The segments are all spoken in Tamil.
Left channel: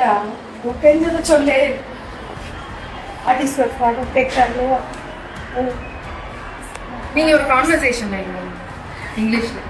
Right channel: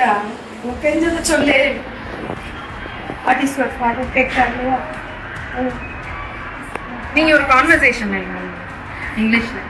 சொல்லுடா, உனக்கு தெரிஞ்சதை சொல்லு. வாட் இஸ் யுவர் ஃபாதர் கேட்கறாங்களோ நீங்க ஒரு கான்வர்சேஷன் இங்கிலீஷ்ல.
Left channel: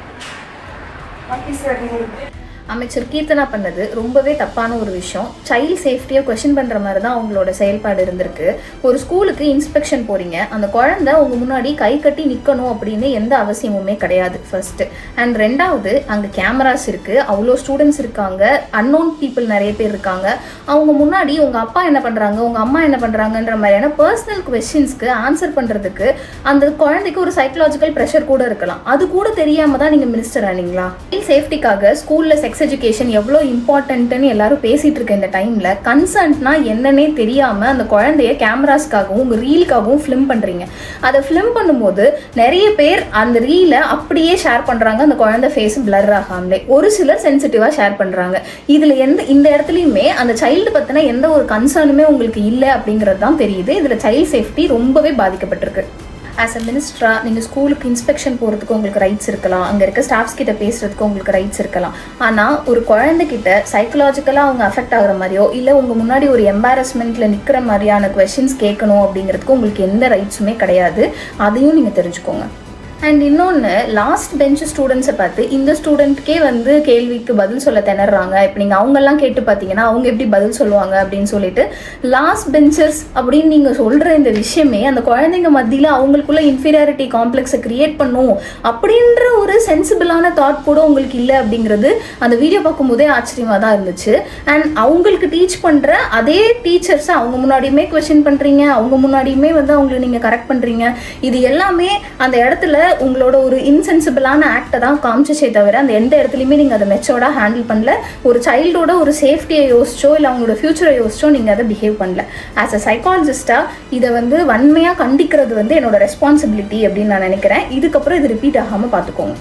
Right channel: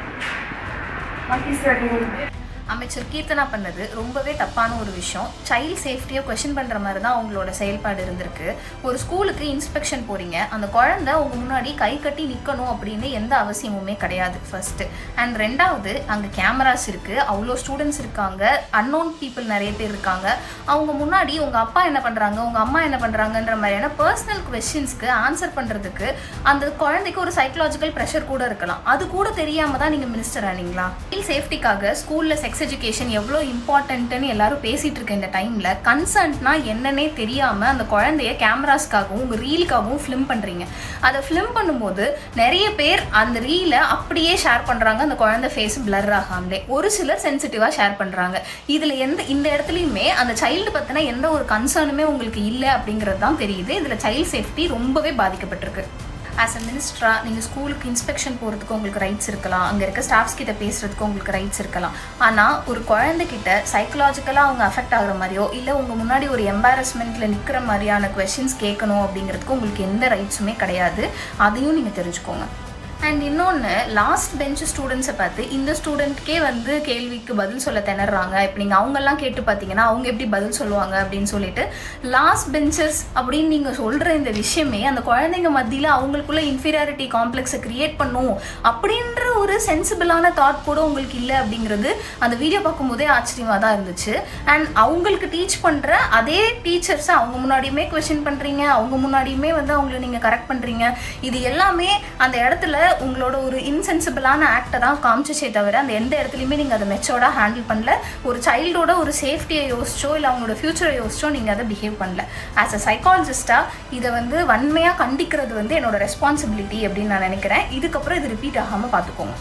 What is your name? அமைச்சர் கீர்த்தனா பண்ணது ரொம்பவே தப்பான ஒரு விஷயம். சைல்டு சேஃப்டியை கொஸ்டின் பண்ணுற மாதிரி தான் அவங்களோட செயல்பாடு இருந்திருக்கு. ஒரு ஸ்கூலுக்கு இன்ஸ்பெக்ஷன் போறீங்க, அந்த குழந்தை உங்க முன்னாடி கை கட்டி நிற்கணும் அப்படின்னு எந்த அவசியமுமே கிடையாது ஃபர்ஸ்ட். அண்ட் ரெண்டாவது, அங்கே கேமராஸ் இருக்கு, அவ்வளோ ஸ்டூடெண்ட்ஸ் இருக்காங்க, அன்னோன் பீப்புள் நிறைய பேர் இருக்காங்க. அவங்க முன்னாடி உங்க அப்பா என்ன பண்றாங்க, உங்க அம்மா என்ன பண்றாங்கன்ற மாதிரியான பர்சனல் கொஸ்டின்ஸ்க்கு ஆன்சர் பண்றதுக்கு அந்த குழந்தைக்கு ஒரு சைக்கலாஜிக்கல் ப்ரெஷர் கூட இருக்கலாம். அது கூட தெரியாம தான் நீங்க மினிஸ்டர் ஆனீங்களா? சேஃப்டிக்காக ஸ்கூல்ல செக்ஸ் எஜுகேஷன் எவ்வளோ இம்பார்ட்டன்ட்னு எல்லாரும் பேசிட்டு இருக்க இந்த டைம்ல கன்சர்ன்ட்னா என்னன்னே தெரியாம அந்த குழந்தைய கேமராஸ்க்காகவும் ரீலுக்காகவும் ஃபிலிம் பண்றீங்க. அதை ஃபிலிம் பண்ணும்போது நிறைய பேர் அந்த ரீலை அப்படியே ஷேர் பண்றாங்க, அந்த குழந்தை ஃபேஸ் பிளர் ஆகாமலே. ஒரு சிலர் சென்சிட்டிவா ஷேர் பண்றாங்க. இதுல இந்த இடத்துலயுமே அந்த சைல்டு பத்தின எந்த ஒரு கன்சர்னுமே உங்களுக்கு இல்லை அப்படிங்கிறது தான் தெரியுது. இதுல சைல்டு சேஃப்டி ரொம்பவே பாதிக்கப்பட்டிருக்கு. ஆஸ் அ மினிஸ்டரா நீங்கள் ஸ்கூலுக்கு இன்ஸ்பெக்ஷன் போகிறதுக்கு உங்களுக்கு ரைட்ஸ் இருக்கலாம், அங்கே இருக்க ஸ்டாஃப்ஸ் கிட்ட பேசுறதுக்கு உங்களுக்கு ரைட்ஸ் இருக்கலாம். ஆனால் ஒரு குழந்தைகிட்ட சைக்கலாஜிக்கலாக அவங்க அஃபெக்ட் ஆகிற மாதிரியோ இல்லை உங்கள் முன்னாடி ஒரு எம்பாரஸ்மெண்ட்டில் நிற்கிற மாதிரியான கொஸ்டின்ஸ் கேட்கணும் அப்படிங்கிறதுக்கு உங்களுக்கு எந்த ரைட்ஸுமே கிடையாது. அதையும் நீங்கள் தெரிஞ்சுக்கோங்க. அண்ட் இன்னொன்று, லாஸ்ட் பெஞ்ச் ஸ்டூடெண்ட்ஸை பார்த்து இந்த ஸ்டூடெண்ட்கே கேள்விக்கு பதில் சொல்ல திணறாங்க. இப்போ நீங்கள் அவங்கெல்லாம் கேட்டு பார்த்தீங்கன்னா அவங்க எப்படி பதில் சொல்லுவாங்க அப்படின்னு சொல்லிட்டு லாஸ்ட் பெஞ்சர்ஸ் அப்படின்னு நீங்கள் சொல்கிற இந்த விஷயமே அந்த குழந்தைங்க மத்தியில் அவங்களுக்குள்ள இன்ஃபீரியாரிட்டி காம்ப்ளெக்ஸை கிரியேட் பண்ணும் அப்படின்ற ஒரு சென்சிபிளான தாட் கூட உங்களுக்கு இல்லை அப்படிங்கிறது அந்த வீடியோ பார்க்கும்போதே ஆச்சரியமாக தான் இருந்துச்சு. அண்ட் அவங்களுக்கு டீச் பண்ணுற அதே டீச்சர்ஸை அவங்க முன்னாடியுமே கொஸ்டின் பண்ணுறீங்க, அவங்க முன்னாடியுமே அவங்களை நீங்கள் கரெக்ட் பண்ணுறீங்க. இது எல்லாமே அந்த இடத்துல உங்களோட ஒரு இன்சென்சிபிளான ஆக்டை தான் காமிச்சே தவிர அந்த எந்த இடத்துலையுமே நீங்கள் அதை மெச்சோர்டா ஹேண்டில் பண்ணல. ஒரு சைல்டோட ஒரு சேஃப்டியை யோசிச்சோ இல்லை அவங்களோட ஃபியூச்சரை யோசிச்சோ நீங்கள் அதை பிஹேவ் பண்ணல. ஆஸ் அ சைக்காலஜிஸ்டா இதை வன்மையாக கண்டிக்கிறது என்னோட ரெஸ்பான்சிபிலிட்டி அப்படின்னு நான் நினைக்கிறேன். இதுக்கப்புறம் இது ரிப்பீட் ஆகாமல் பார்த்துக்கோங்க.